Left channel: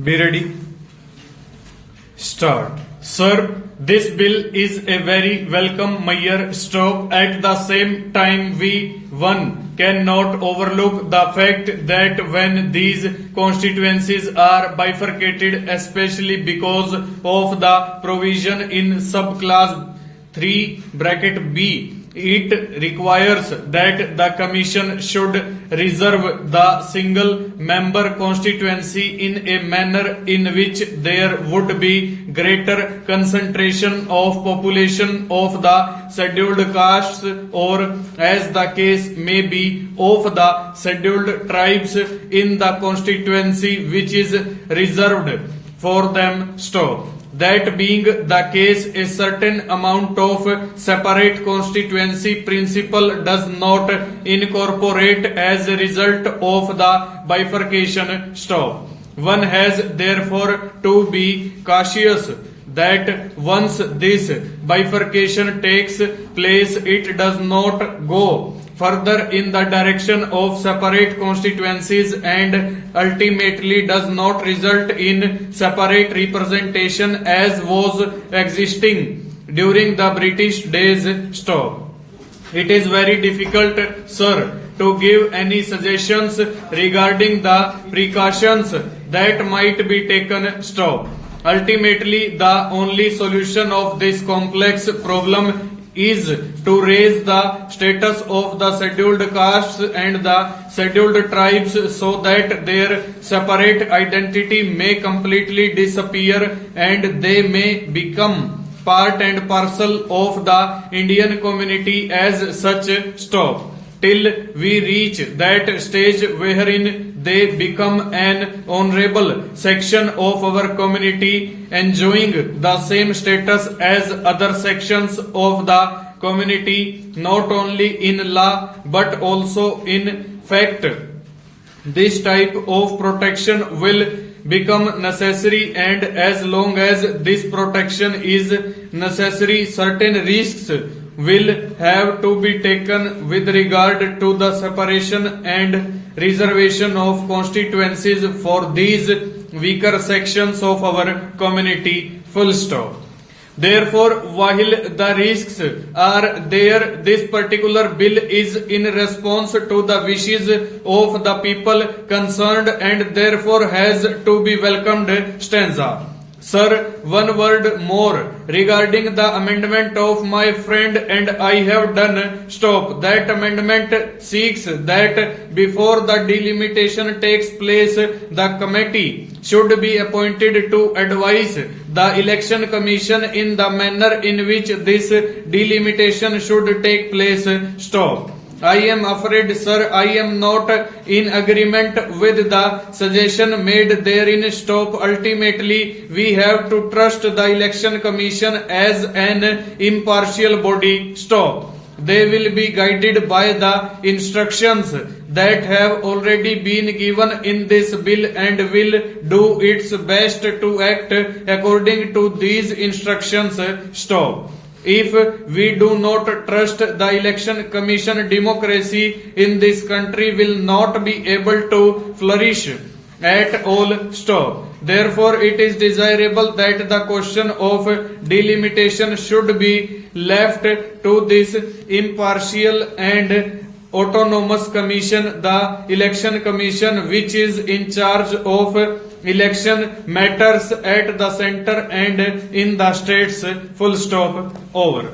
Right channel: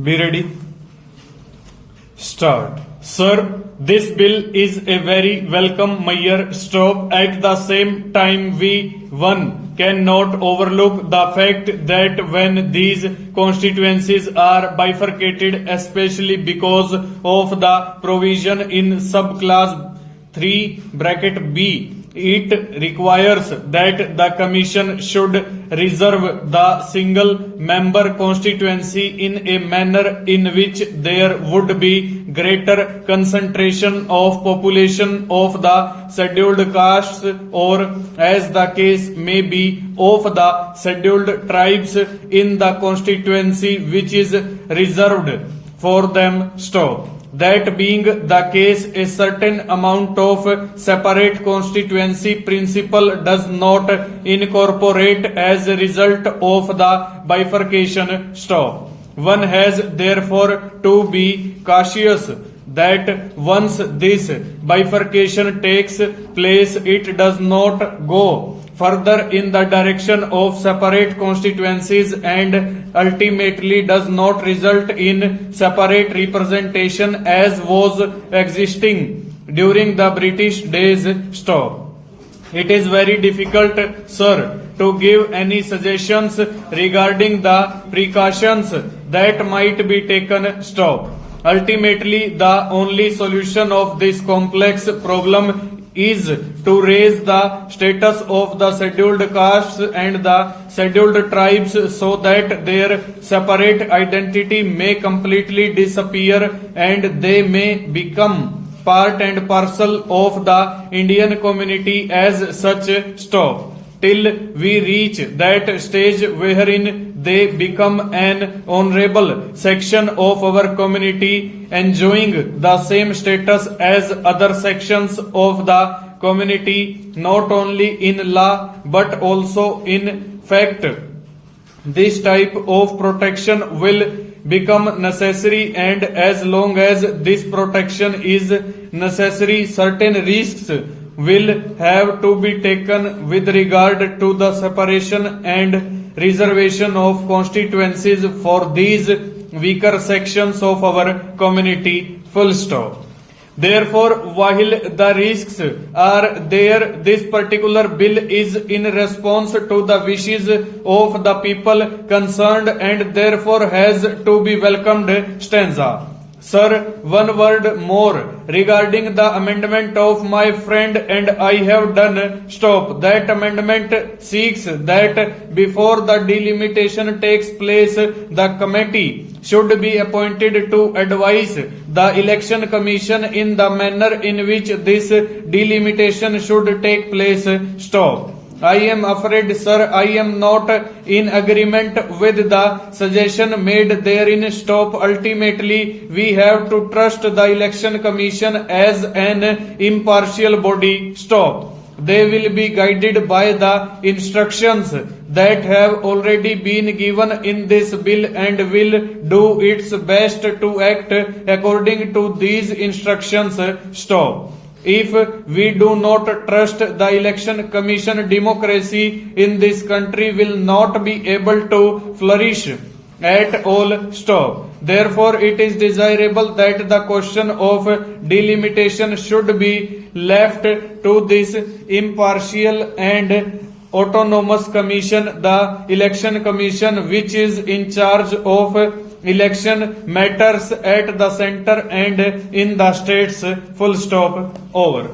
Be ready. Start. Sir, this bill is a very welcome measure. Stop. At the same time, one cannot overlook the fact that when these constituencies are bifurcated, especially because of the provision in subclass 3 bracket B, it requires that the Commission should reserve the single member constituency in a manner in which there would be greater concentration of population of the scheduled castes, or as the case may be, of the scheduled tribes in the constituency which is reserved for them. Stop. That being the case, a certain amount of separate constituency principle does not incorporate as a result of the bifurcation. Stop. One has therefore to be cautious that once this bifurcation takes place, it does not go further in the direction of separate constituencies and ultimately does not result in separate representation as was existing during the British days. Stop. It is very difficult, sir, to give any suggestions regarding the precautions that might be taken. Stop. Ultimately, the only solution of this complex problem is to raise the status of the scheduled castes and the scheduled tribes so that their separate identity may completely disappear and they may become part and parcel of the Indian community as such. Stop. Till we reach that stage wherein they become an honorable section of our community, enjoying the same status as other sections of the community, not only in law but also in fact, this type of protection will become necessary, and as long as this protection is necessary, certain risks will have to be taken with regard to the separation and reservation of constituencies for these weaker sections of our community. Full stop. Therefore, while the risks are there, this particular bill is in response to the wishes of the people concerned and therefore has to be welcomed. Stanza. Sir, one word more regarding the amendment of my friend and I have done. Stop. That amendment seeks that before the delimitation takes place, the committee should be appointed to advise the Election Commission in the manner in which this delimitation should take place. Stop. I am afraid, sir, I am not in agreement with the suggestion made therein. Stop. Ultimately, we have to trust the Election Commission as an impartial body. Stop. They will be guided by the instructions that have already been given in this bill and will do its best to act according to these instructions. Stop. If we do not trust the Election Commission, democracy in this country will not be able to flourish at all. Stop. Therefore, it is desirable that the question of delimitation should be left to this impartial and autonomous commission, the Election Commission, which is in charge of election matters at the center and in the states. Full stop. Over.